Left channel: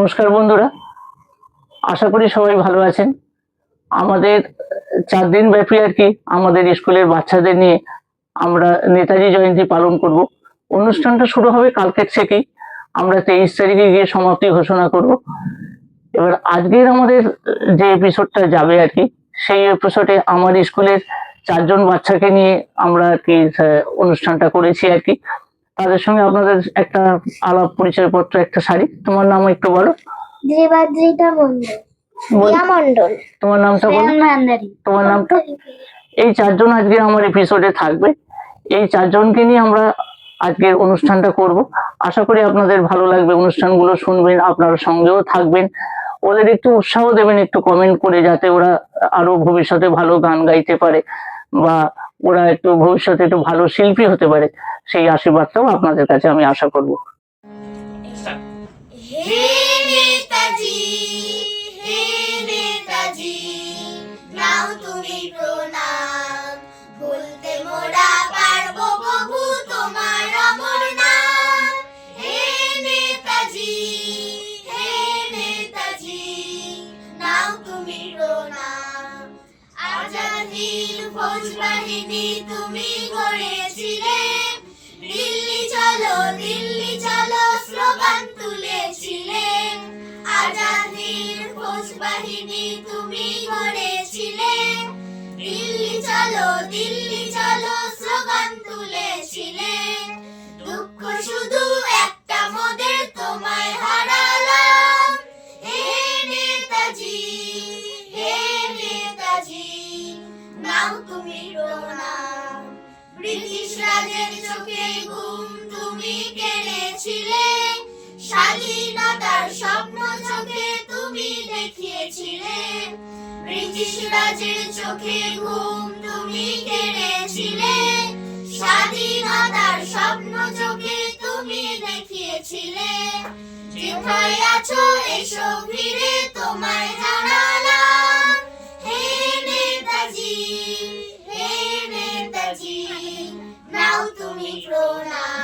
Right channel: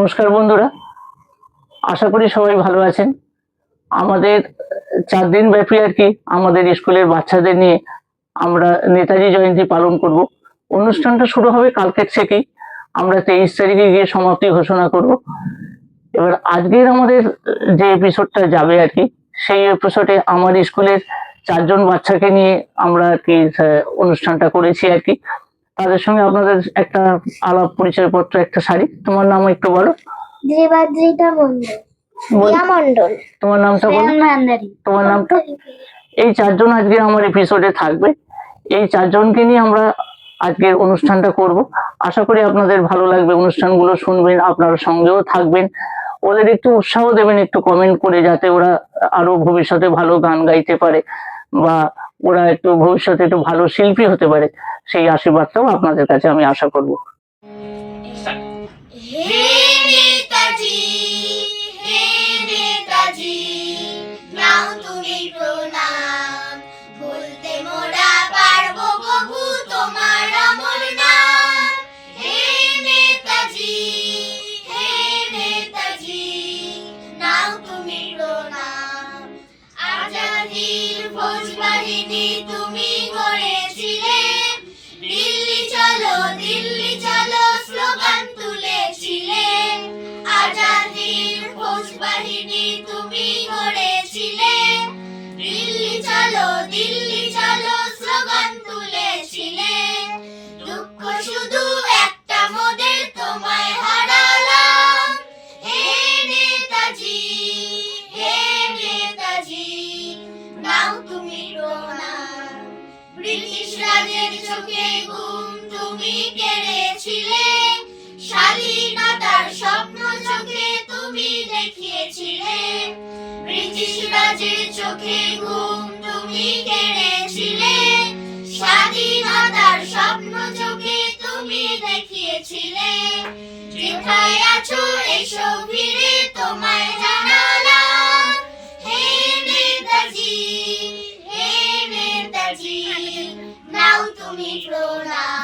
নমস্কার বন্ধুরা। আশা করি সবাই ভালো আছেন। আমাদের চার দিন ব্যাপী আর কি আমাদের স্কুলের বাচ্চাদের নিয়ে আমরা নেতাজি জয়ন্তী পালন করব। অনুষ্ঠানটা শুরু হবে কালকের থেকেই। আমরা তেইশ তারিখে গিয়ে সমাপ্তি ঘোষণা করব। এবার আজকের আমাদের যে এপিসোডটা যাবে আর কি, সেই এপিসোডে আমার স্কুলের চারজন বাচ্চাকে নিয়ে আমরা আর কি অনুষ্ঠানটা করেছি আর কি। তাদের সঙ্গে আপনাদের একটা আলাপ পরিচয়পত্র একটা শাড়ি। তোমার নাম একটু বলো। দেবাদ্রিতা মন্ডল রিয়া মন্ডল তোমার নামটা বলো। তোমার নামটা? এই চারজন আজকে আমার এপিসোডে থাকবে। এই চারজনকে নিয়ে আমরা আজকের অনুষ্ঠানটা করব। আশা করি আপনাদের ভালো লাগবে অনুষ্ঠানগুলো শুনবেন আপনারা সঙ্গেও থাকবেন। ওদের একটু উৎসাহ দেবেন একটু কমেন্ট করে যাতে ওরা আরও ভবিষ্যতে ভালো গান গাইতে পারে বা ওরা একটু ভবিষ্যতে একটু ভালো শিল্পী হতে পারে, সেই আশীর্বাদটাও আপনাদের কাছে আমি আশা করব। হে নেতাজি হে তুমি করেছিলে দিল্লি চলো দিল্লি চলো, স্লোগান তুলেছিলে। আজাদির ফৌজ বাহিনী তুমি করেছিলে দিল্লি চলো, দিল্লি ব্রিটিশ রাজের চোখে ঘুম তুমি কেড়েছিলে। স্বাধীনতার স্বপ্ন চোখে তুমি দেখিয়েছিলে। ব্রিটিশ রাজের চোখে ঘুম তুমি কেড়েছিলে। স্বাধীনতার স্বপ্ন চোখে তুমি দেখিয়েছিলে। যেথায় আছো, এসো ফিরে হে নেতাজি নাও তুমি প্রণাম